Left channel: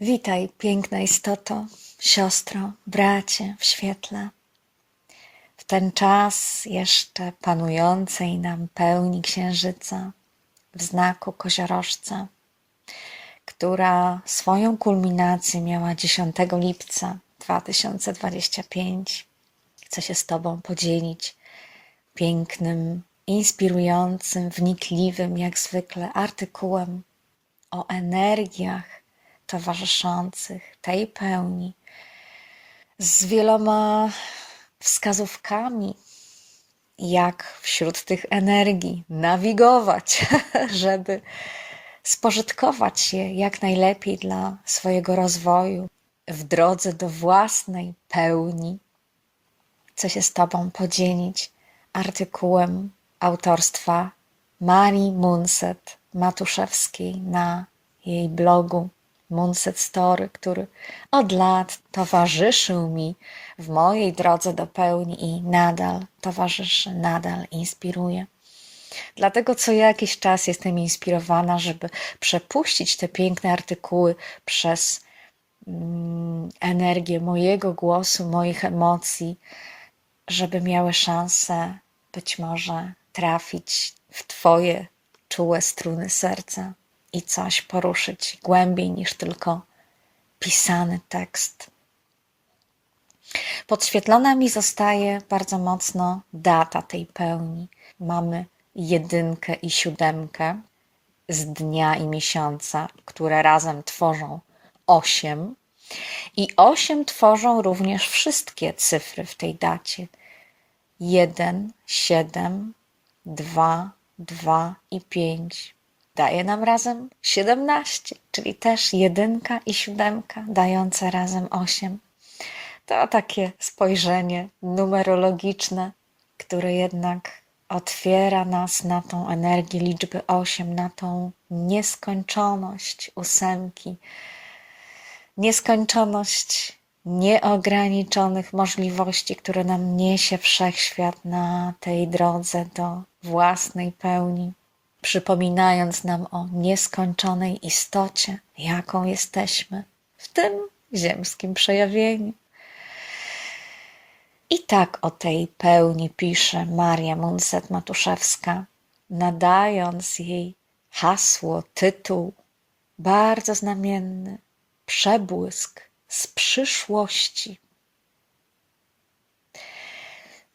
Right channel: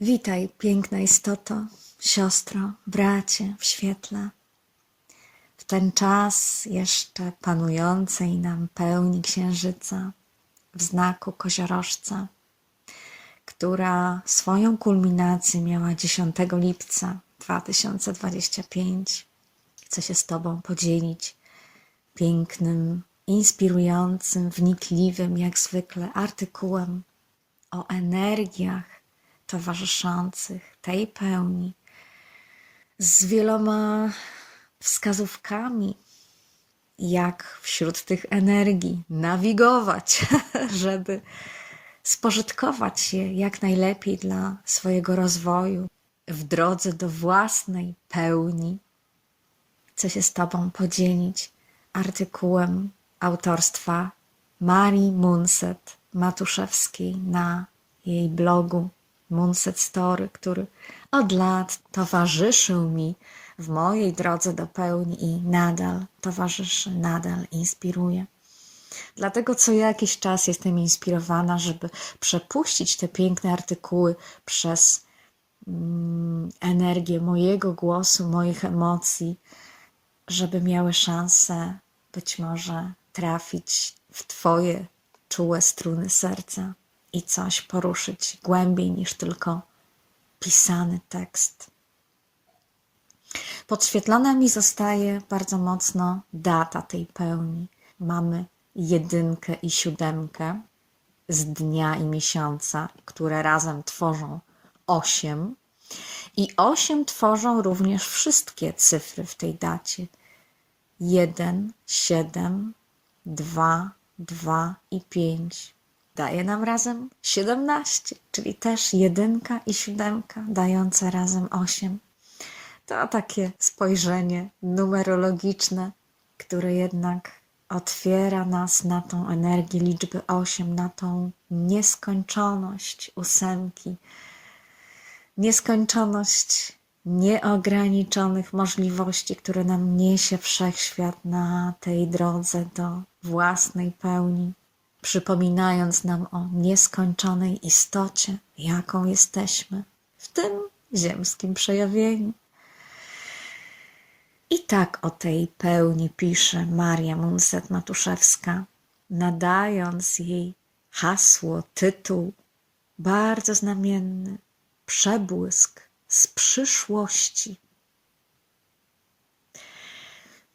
Witaj, piękna istoto, siostro, bracie w świetle. W ten czas jeszcze panującej nam pełni księżyca w znaku koziorożca, która swoją kulminację miała 10 lipca 2025. Chcę się z Tobą podzielić pięknym, inspirującym, wnikliwym, jak zwykle, artykułem o energiach towarzyszących tej pełni, z wieloma wskazówkami, jak wśród tych energii nawigować, żeby spożytkować je jak najlepiej dla swojego rozwoju w drodze do własnej pełni. Chcę się z Tobą podzielić artykułem autorstwa Marii Munset-Matuszewskiej na jej blogu Munset Story, który od lat towarzyszył mi w mojej drodze do pełni i nadal towarzyszy, nadal inspiruje. Dlatego co jakiś czas jestem inspirowana, żeby przepuścić te piękne artykuły przez energię mojego głosu, moich emocji, żeby miały szansę być może trafić w Twoje czułe struny serca i coś poruszyć głębiej niż tylko pisany tekst. Podświetlona mi zostaje bardzo mocno data tej pełni. Mamy 1 i 7 z dnia i miesiąca, które razem tworzą 8. I 8 tworzą również wszystkie cyfry w tej dacie. 1, 7, 2, 2 i 5. Daje nam razem 17, czyli też 1 i 7 dające razem 8. To takie spojrzenie numerologiczne, które jednak otwiera nas na tą energię liczby 8, na tą nieskończoność 8, nieskończoność nieograniczonych możliwości, które nam niesie wszechświat na tej drodze do własnej pełni, przypominając nam o nieskończonej istocie, jaką jesteśmy w tym ziemskim przejawieniu. I tak o tej pełni pisze Maria Munset-Matuszewska, nadając jej hasło, tytuł bardzo znamienny: przebłysk z przyszłości.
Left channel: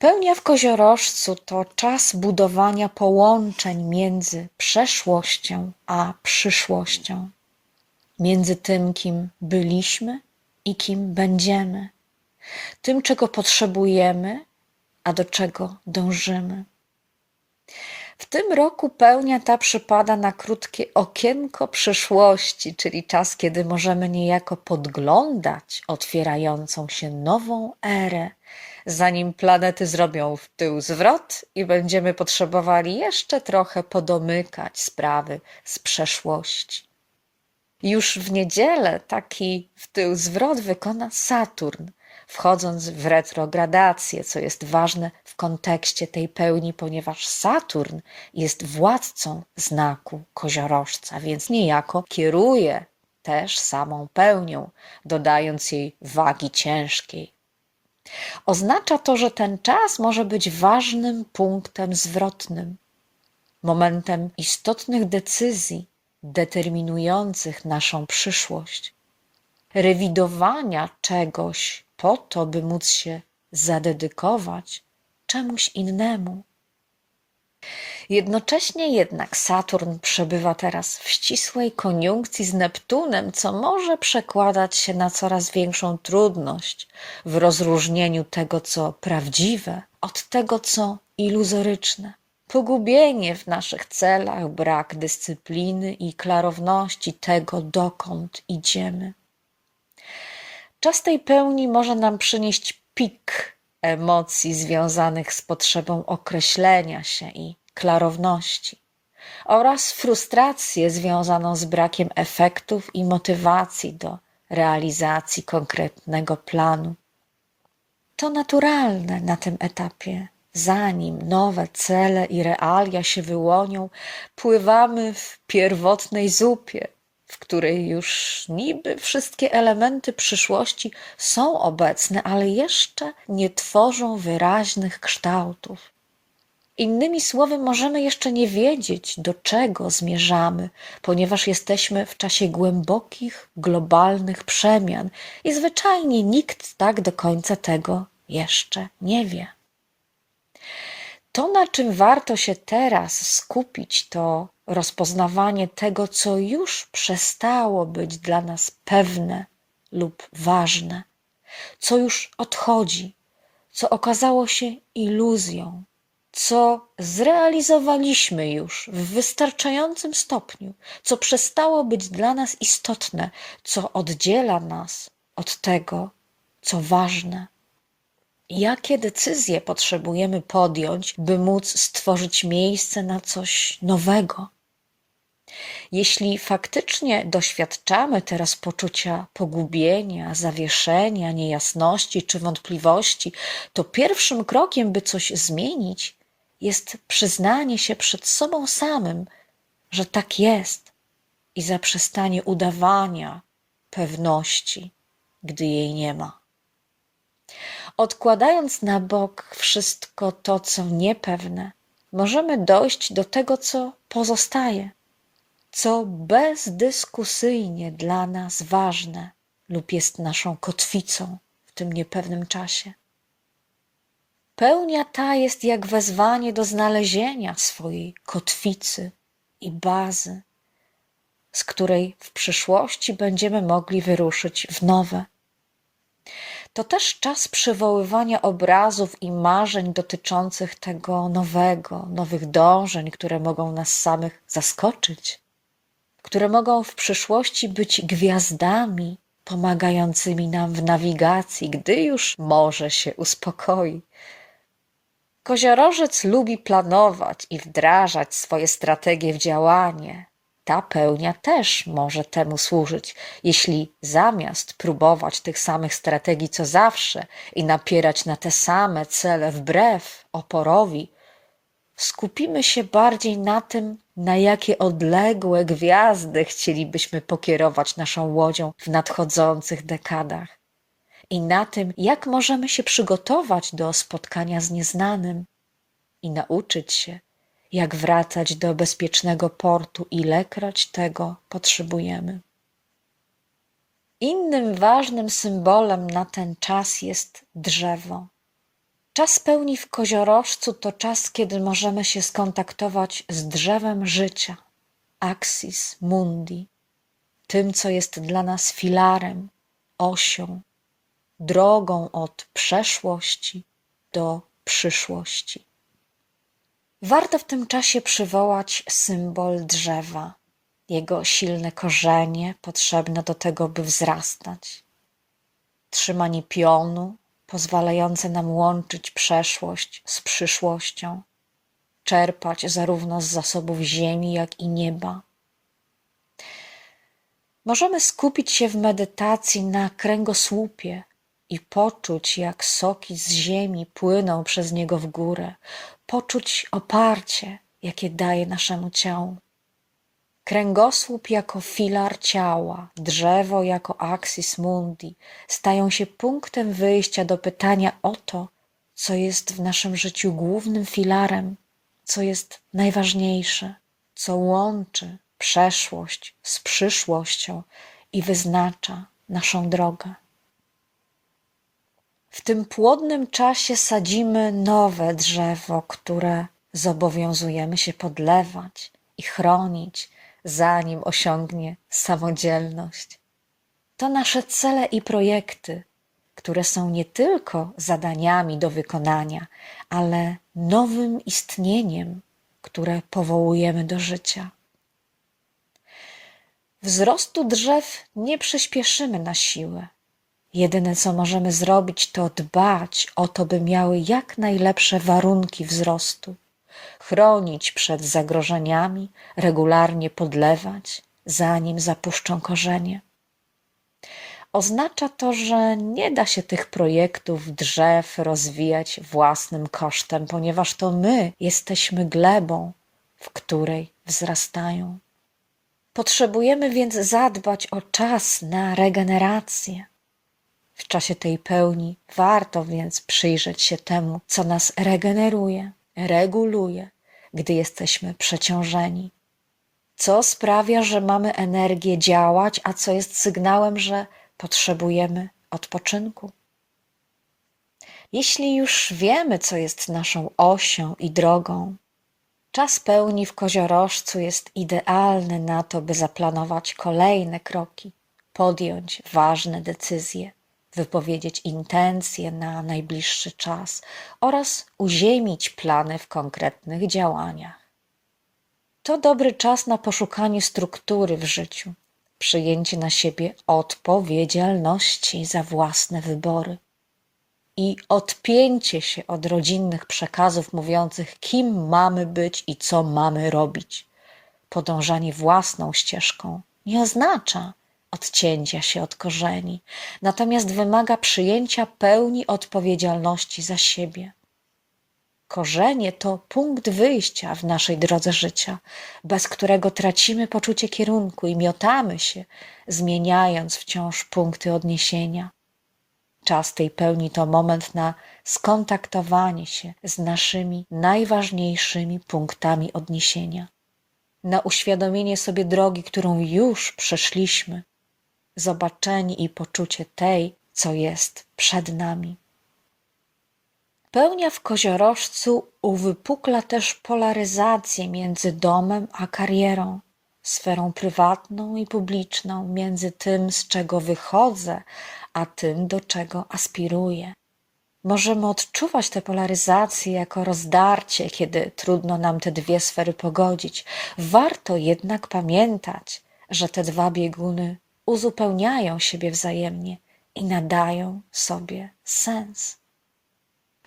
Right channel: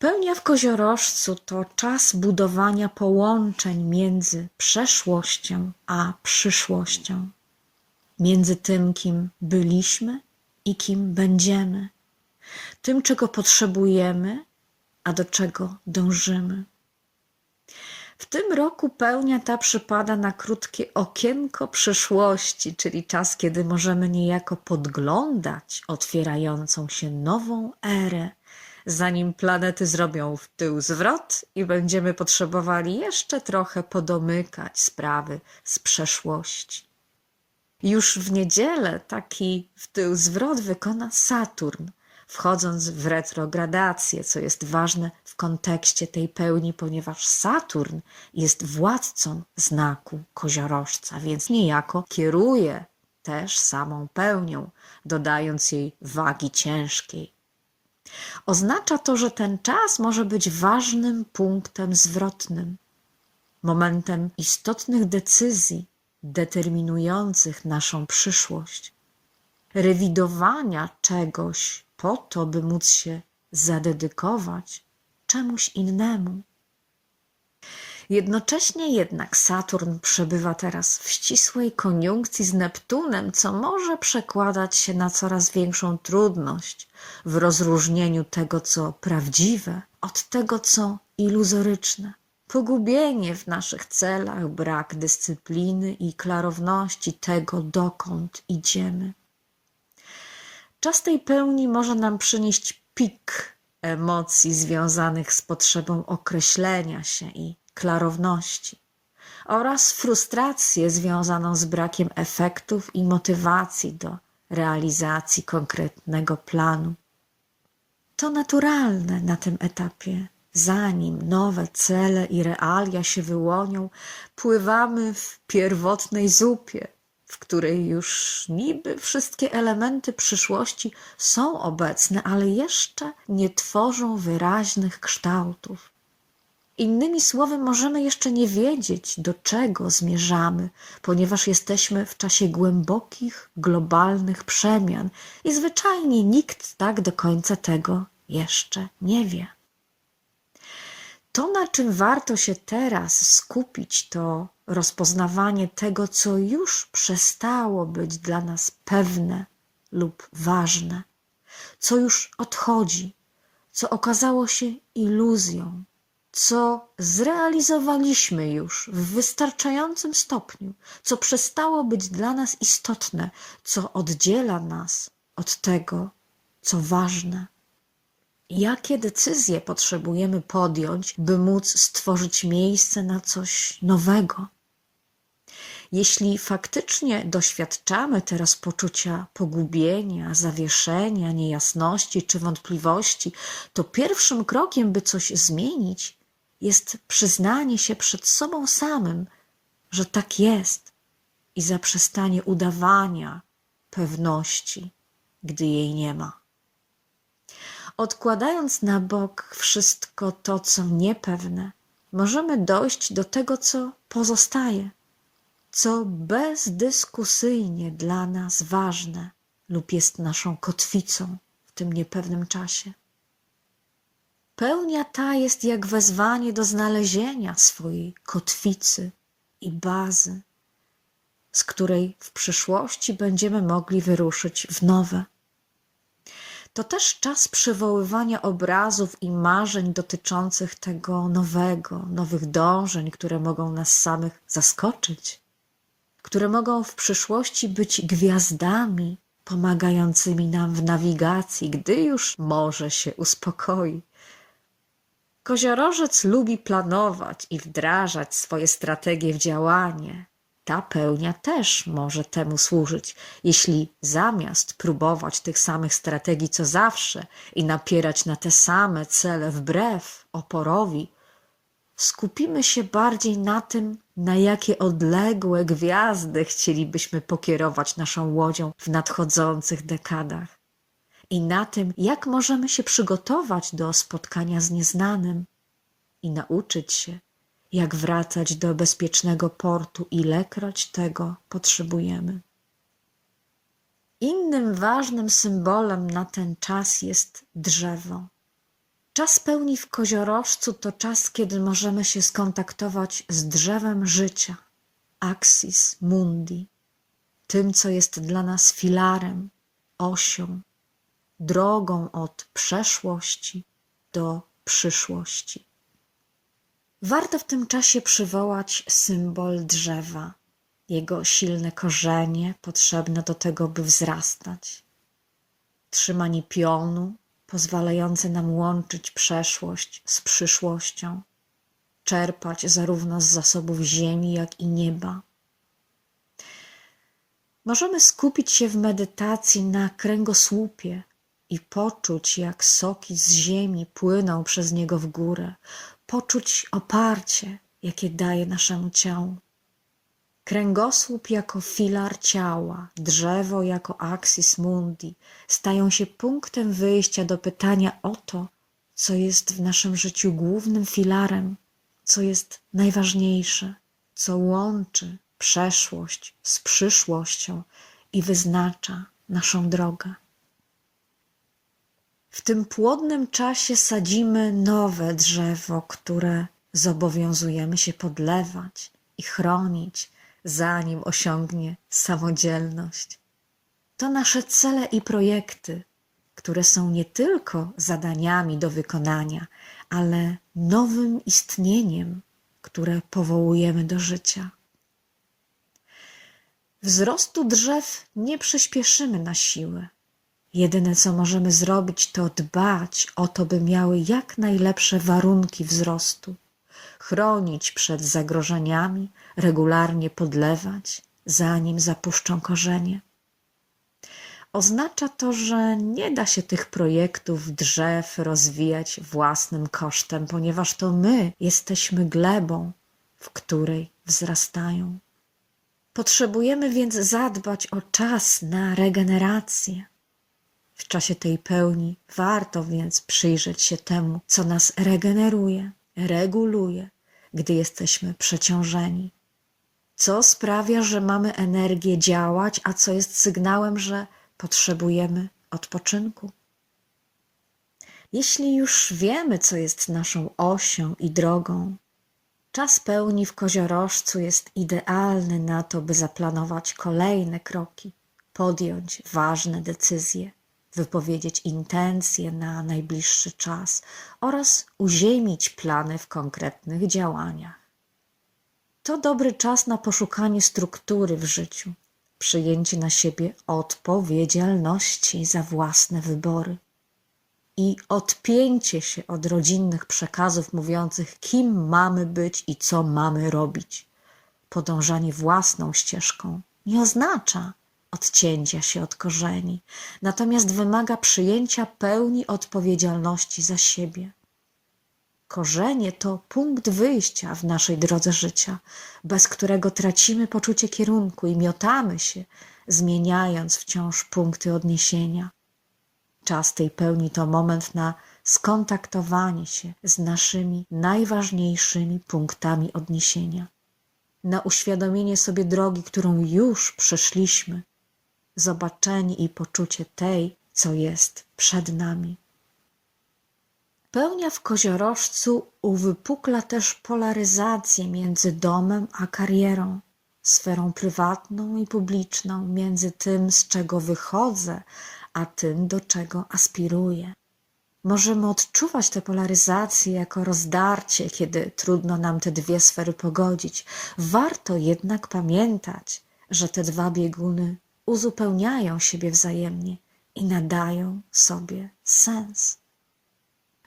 Pełnia w koziorożcu to czas budowania połączeń między przeszłością a przyszłością, między tym, kim byliśmy i kim będziemy, tym, czego potrzebujemy, a do czego dążymy. W tym roku pełnia ta przypada na krótkie okienko przyszłości, czyli czas, kiedy możemy niejako podglądać otwierającą się nową erę, zanim planety zrobią w tył zwrot i będziemy potrzebowali jeszcze trochę podomykać sprawy z przeszłości. Już w niedzielę taki w tył zwrot wykona Saturn, wchodząc w retrogradację, co jest ważne w kontekście tej pełni, ponieważ Saturn jest władcą znaku koziorożca, więc niejako kieruje też samą pełnią, dodając jej wagi ciężkiej. Oznacza to, że ten czas może być ważnym punktem zwrotnym, momentem istotnych decyzji determinujących naszą przyszłość, rewidowania czegoś po to, by móc się zadedykować czemuś innemu. Jednocześnie jednak Saturn przebywa teraz w ścisłej koniunkcji z Neptunem, co może przekładać się na coraz większą trudność w rozróżnieniu tego, co prawdziwe, od tego, co iluzoryczne. Pogubienie w naszych celach, brak dyscypliny i klarowności tego, dokąd idziemy. Czas tej pełni może nam przynieść pik emocji związanych z potrzebą określenia się i klarowności oraz frustrację związaną z brakiem efektów i motywacji do realizacji konkretnego planu. To naturalne na tym etapie. Zanim nowe cele i realia się wyłonią, pływamy w pierwotnej zupie, w której już niby wszystkie elementy przyszłości są obecne, ale jeszcze nie tworzą wyraźnych kształtów. Innymi słowy, możemy jeszcze nie wiedzieć, do czego zmierzamy, ponieważ jesteśmy w czasie głębokich, globalnych przemian i zwyczajnie nikt tak do końca tego jeszcze nie wie. To, na czym warto się teraz skupić, to rozpoznawanie tego, co już przestało być dla nas pewne lub ważne, co już odchodzi, co okazało się iluzją, co zrealizowaliśmy już w wystarczającym stopniu, co przestało być dla nas istotne, co oddziela nas od tego, co ważne. Jakie decyzje potrzebujemy podjąć, by móc stworzyć miejsce na coś nowego? Jeśli faktycznie doświadczamy teraz poczucia pogubienia, zawieszenia, niejasności czy wątpliwości, to pierwszym krokiem, by coś zmienić, jest przyznanie się przed sobą samym, że tak jest i zaprzestanie udawania pewności, gdy jej nie ma. Odkładając na bok wszystko to, co niepewne, możemy dojść do tego, co pozostaje, co bezdyskusyjnie dla nas ważne lub jest naszą kotwicą w tym niepewnym czasie. Pełnia ta jest jak wezwanie do znalezienia swojej kotwicy i bazy, z której w przyszłości będziemy mogli wyruszyć w nowe. To też czas przywoływania obrazów i marzeń dotyczących tego nowego, nowych dążeń, które mogą nas samych zaskoczyć, które mogą w przyszłości być gwiazdami pomagającymi nam w nawigacji, gdy już morze się uspokoi. Koziorożec lubi planować i wdrażać swoje strategie w działanie. Ta pełnia też może temu służyć, jeśli zamiast próbować tych samych strategii co zawsze i napierać na te same cele wbrew oporowi, skupimy się bardziej na tym, na jakie odległe gwiazdy chcielibyśmy pokierować naszą łodzią w nadchodzących dekadach i na tym, jak możemy się przygotować do spotkania z nieznanym i nauczyć się, jak wracać do bezpiecznego portu, ilekroć tego potrzebujemy. Innym ważnym symbolem na ten czas jest drzewo. Czas pełni w koziorożcu to czas, kiedy możemy się skontaktować z drzewem życia, axis mundi, tym, co jest dla nas filarem, osią, drogą od przeszłości do przyszłości. Warto w tym czasie przywołać symbol drzewa, jego silne korzenie potrzebne do tego, by wzrastać, trzymanie pionu pozwalające nam łączyć przeszłość z przyszłością, czerpać zarówno z zasobów ziemi, jak i nieba. Możemy skupić się w medytacji na kręgosłupie i poczuć, jak soki z ziemi płyną przez niego w górę, poczuć oparcie, jakie daje naszemu ciału. Kręgosłup jako filar ciała, drzewo jako axis mundi stają się punktem wyjścia do pytania o to, co jest w naszym życiu głównym filarem, co jest najważniejsze, co łączy przeszłość z przyszłością i wyznacza naszą drogę. W tym płodnym czasie sadzimy nowe drzewo, które zobowiązujemy się podlewać i chronić, zanim osiągnie samodzielność. To nasze cele i projekty, które są nie tylko zadaniami do wykonania, ale nowym istnieniem, które powołujemy do życia. Wzrostu drzew nie przyspieszymy na siłę. Jedyne, co możemy zrobić, to dbać o to, by miały jak najlepsze warunki wzrostu, chronić przed zagrożeniami, regularnie podlewać, zanim zapuszczą korzenie. Oznacza to, że nie da się tych projektów drzew rozwijać własnym kosztem, ponieważ to my jesteśmy glebą, w której wzrastają. Potrzebujemy więc zadbać o czas na regenerację. W czasie tej pełni warto więc przyjrzeć się temu, co nas regeneruje, reguluje, gdy jesteśmy przeciążeni. Co sprawia, że mamy energię działać, a co jest sygnałem, że potrzebujemy odpoczynku. Jeśli już wiemy, co jest naszą osią i drogą, czas pełni w koziorożcu jest idealny na to, by zaplanować kolejne kroki, podjąć ważne decyzje, wypowiedzieć intencje na najbliższy czas oraz uziemić plany w konkretnych działaniach. To dobry czas na poszukanie struktury w życiu, przyjęcie na siebie odpowiedzialności za własne wybory i odpięcie się od rodzinnych przekazów mówiących, kim mamy być i co mamy robić. Podążanie własną ścieżką nie oznacza odcięcia się od korzeni, natomiast wymaga przyjęcia pełni odpowiedzialności za siebie. Korzenie to punkt wyjścia w naszej drodze życia, bez którego tracimy poczucie kierunku i miotamy się, zmieniając wciąż punkty odniesienia. Czas tej pełni to moment na skontaktowanie się z naszymi najważniejszymi punktami odniesienia, na uświadomienie sobie drogi, którą już przeszliśmy, zobaczenie i poczucie tej, co jest przed nami. Pełnia w koziorożcu uwypukla też polaryzację między domem a karierą, sferą prywatną i publiczną, między tym, z czego wychodzę, a tym, do czego aspiruję. Możemy odczuwać tę polaryzację jako rozdarcie, kiedy trudno nam te dwie sfery pogodzić. Warto jednak pamiętać, że te dwa bieguny uzupełniają siebie wzajemnie i nadają sobie sens.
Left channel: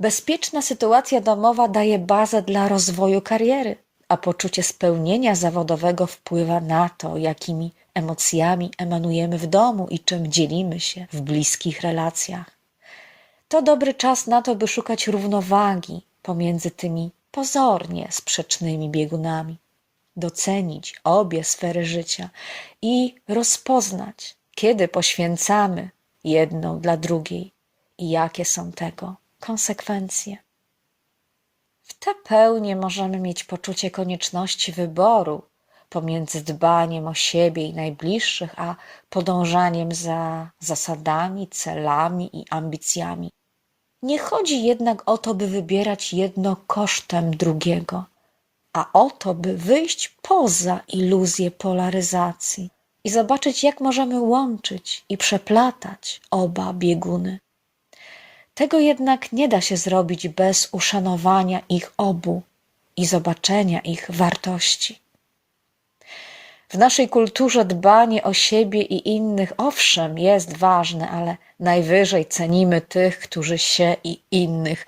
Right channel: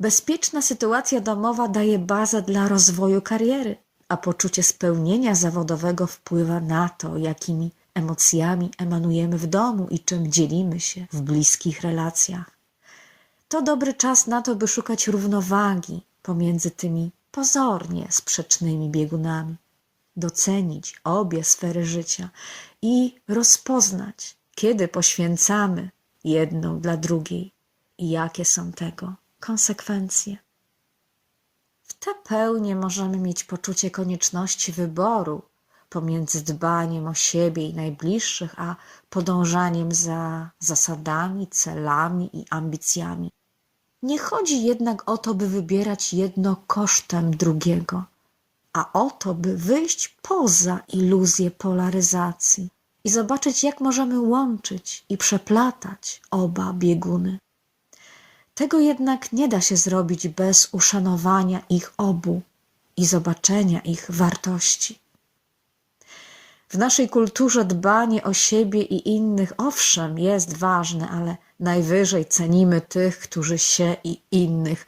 Bezpieczna sytuacja domowa daje bazę dla rozwoju kariery, a poczucie spełnienia zawodowego wpływa na to, jakimi emocjami emanujemy w domu i czym dzielimy się w bliskich relacjach. To dobry czas na to, by szukać równowagi pomiędzy tymi pozornie sprzecznymi biegunami, docenić obie sfery życia i rozpoznać, kiedy poświęcamy jedną dla drugiej i jakie są tego konsekwencje. W tę pełnię możemy mieć poczucie konieczności wyboru pomiędzy dbaniem o siebie i najbliższych, a podążaniem za zasadami, celami i ambicjami. Nie chodzi jednak o to, by wybierać jedno kosztem drugiego, a o to, by wyjść poza iluzję polaryzacji i zobaczyć, jak możemy łączyć i przeplatać oba bieguny. Tego jednak nie da się zrobić bez uszanowania ich obu i zobaczenia ich wartości. W naszej kulturze dbanie o siebie i innych owszem jest ważne, ale najwyżej cenimy tych, którzy się i innych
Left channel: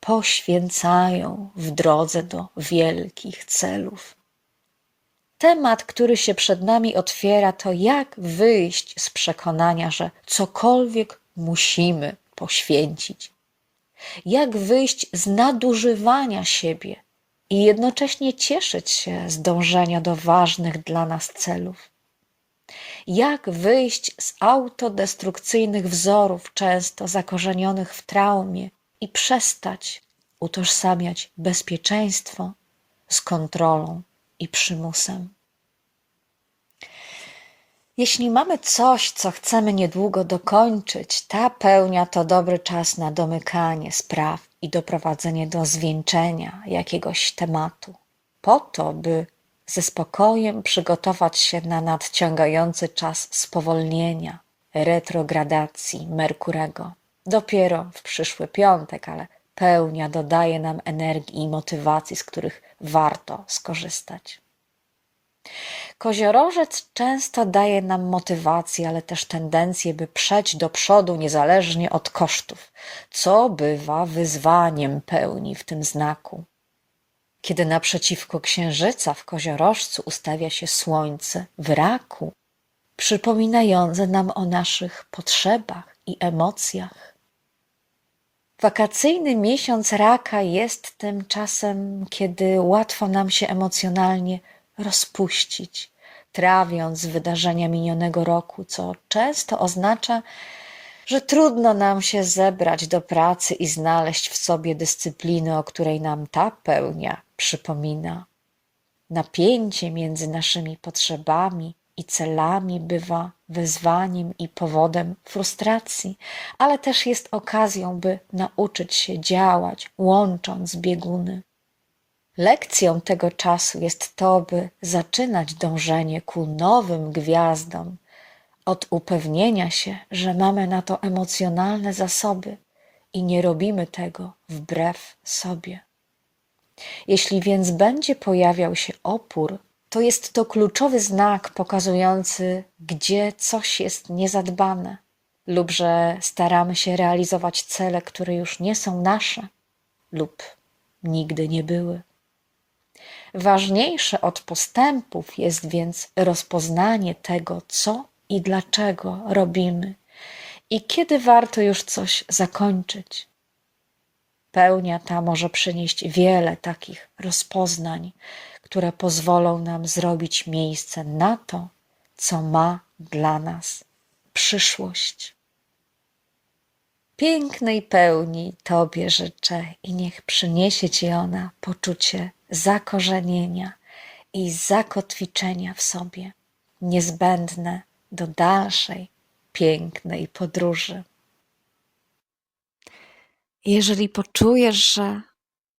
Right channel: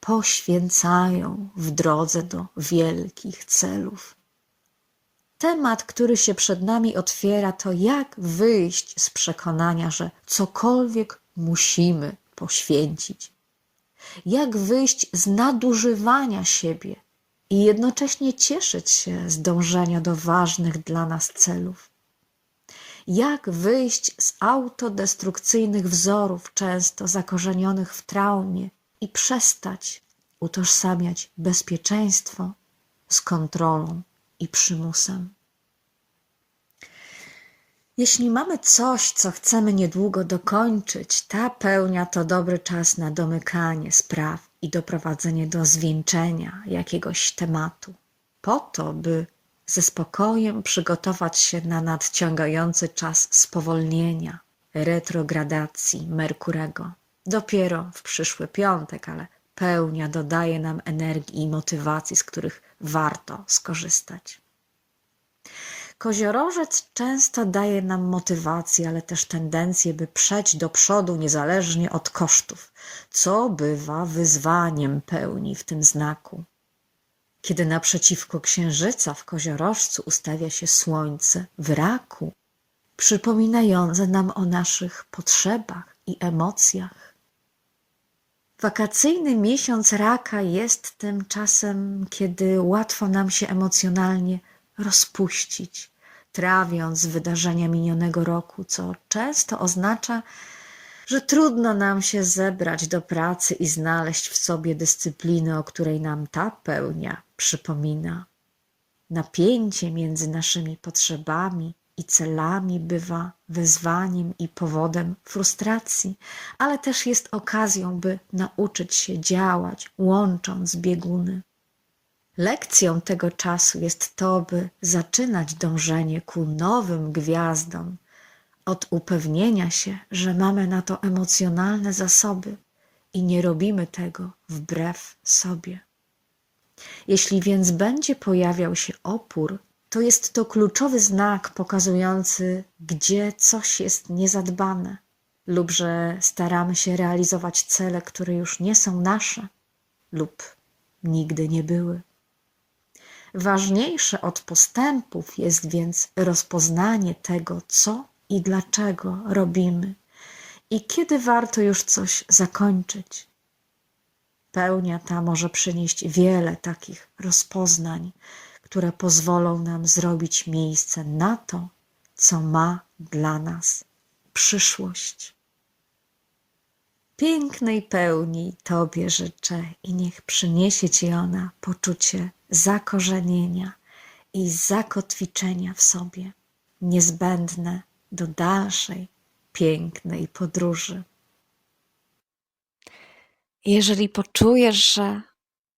poświęcają w drodze do wielkich celów. Temat, który się przed nami otwiera, to jak wyjść z przekonania, że cokolwiek musimy poświęcić. Jak wyjść z nadużywania siebie i jednocześnie cieszyć się z dążenia do ważnych dla nas celów. Jak wyjść z autodestrukcyjnych wzorów, często zakorzenionych w traumie i przestać utożsamiać bezpieczeństwo z kontrolą i przymusem. Jeśli mamy coś, co chcemy niedługo dokończyć, ta pełnia to dobry czas na domykanie spraw i doprowadzenie do zwieńczenia jakiegoś tematu, po to, by ze spokojem przygotować się na nadciągający czas spowolnienia, retrogradacji Merkurego. Dopiero w przyszły piątek, ale pełnia dodaje nam energii i motywacji, z których warto skorzystać. Koziorożec często daje nam motywację, ale też tendencję, by przejść do przodu niezależnie od kosztów, co bywa wyzwaniem pełni w tym znaku. Kiedy naprzeciwko Księżyca w Koziorożcu ustawia się Słońce w Raku, przypominające nam o naszych potrzebach i emocjach. Wakacyjny miesiąc Raka jest tym czasem, kiedy łatwo nam się emocjonalnie rozpuścić, trawiąc wydarzenia minionego roku, co często oznacza, że trudno nam się zebrać do pracy i znaleźć w sobie dyscypliny, o której nam ta pełnia przypomina. Napięcie między naszymi potrzebami i celami bywa wyzwaniem i powodem frustracji, ale też jest okazją, by nauczyć się działać, łącząc bieguny. Lekcją tego czasu jest to, by zaczynać dążenie ku nowym gwiazdom od upewnienia się, że mamy na to emocjonalne zasoby i nie robimy tego wbrew sobie. Jeśli więc będzie pojawiał się opór, to jest to kluczowy znak pokazujący, gdzie coś jest niezadbane lub że staramy się realizować cele, które już nie są nasze lub nigdy nie były. Ważniejsze od postępów jest więc rozpoznanie tego, co i dlaczego robimy i kiedy warto już coś zakończyć. Pełnia ta może przynieść wiele takich rozpoznań, które pozwolą nam zrobić miejsce na to, co ma dla nas przyszłość. Pięknej pełni Tobie życzę i niech przyniesie Ci ona poczucie zakorzenienia i zakotwiczenia w sobie, niezbędne do dalszej pięknej podróży. Jeżeli poczujesz, że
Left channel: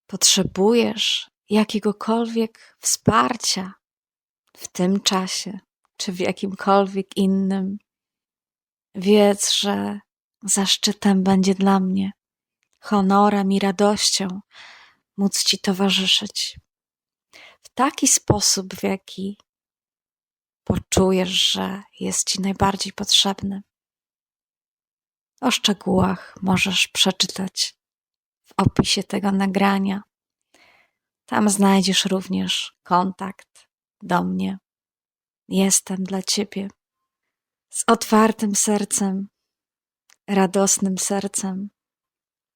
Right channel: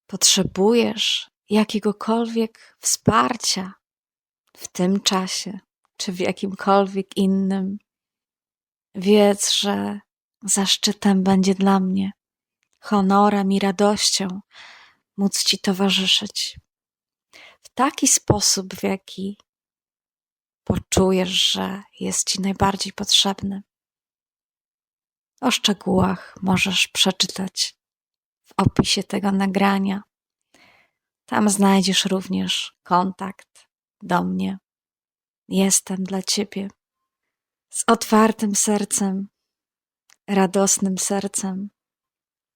potrzebujesz jakiegokolwiek wsparcia w tym czasie, czy w jakimkolwiek innym, wiedz, że zaszczytem będzie dla mnie, honorem i radością móc Ci towarzyszyć w taki sposób, w jaki poczujesz, że jest Ci najbardziej potrzebny. O szczegółach możesz przeczytać w opisie tego nagrania. Tam znajdziesz również kontakt do mnie. Jestem dla Ciebie z otwartym sercem, radosnym sercem,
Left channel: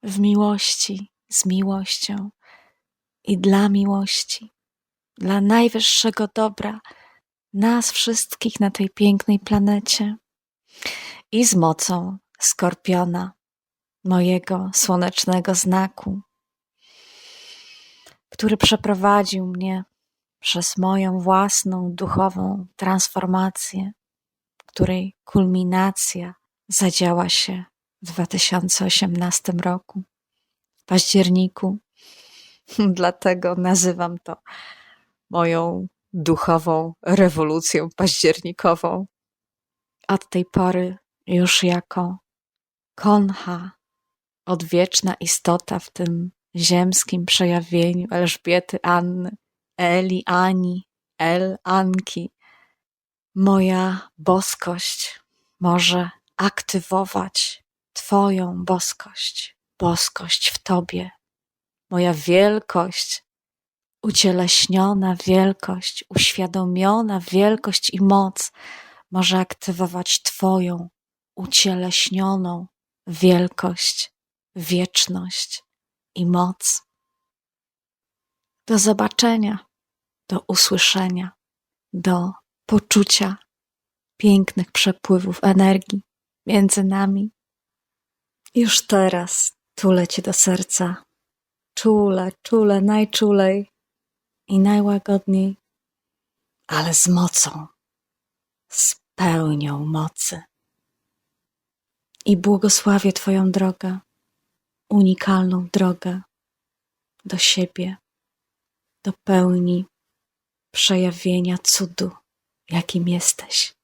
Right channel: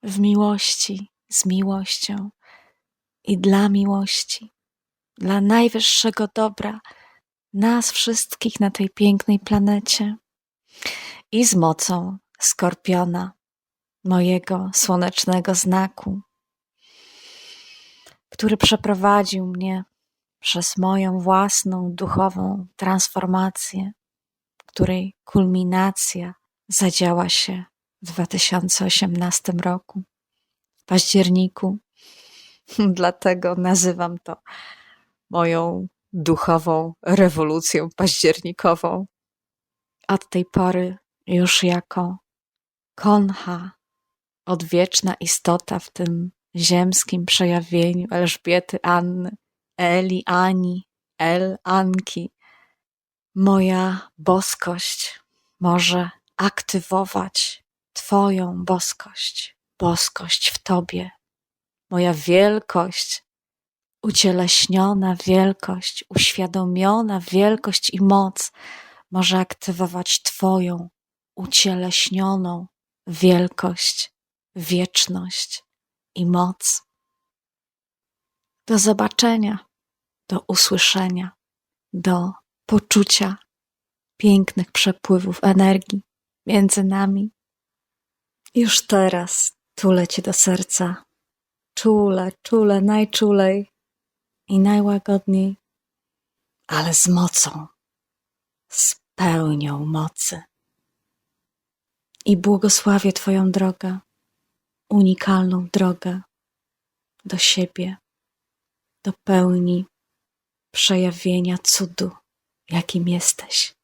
w miłości, z miłością i dla miłości, dla najwyższego dobra nas wszystkich na tej pięknej planecie i z mocą Skorpiona, mojego słonecznego znaku, który przeprowadził mnie przez moją własną duchową transformację, której kulminacja zadziała się w 2018 roku, w październiku. Dlatego nazywam to moją duchową rewolucją październikową. Od tej pory już jako koncha, odwieczna istota w tym ziemskim przejawieniu Elżbiety, Anny, Eli, Ani, Anki, moja boskość może aktywować Twoją boskość, boskość w Tobie. Moja wielkość, ucieleśniona wielkość, uświadomiona wielkość i moc może aktywować Twoją ucieleśnioną wielkość, wieczność i moc. Do zobaczenia, do usłyszenia, do poczucia pięknych przepływów energii między nami. Już teraz tulę Cię do serca, czule, najczulej i najłagodniej, ale z mocą, z pełnią mocy. I błogosławię Twoją drogę, unikalną drogę do siebie, do pełni przejawienia cudu, jakim jesteś.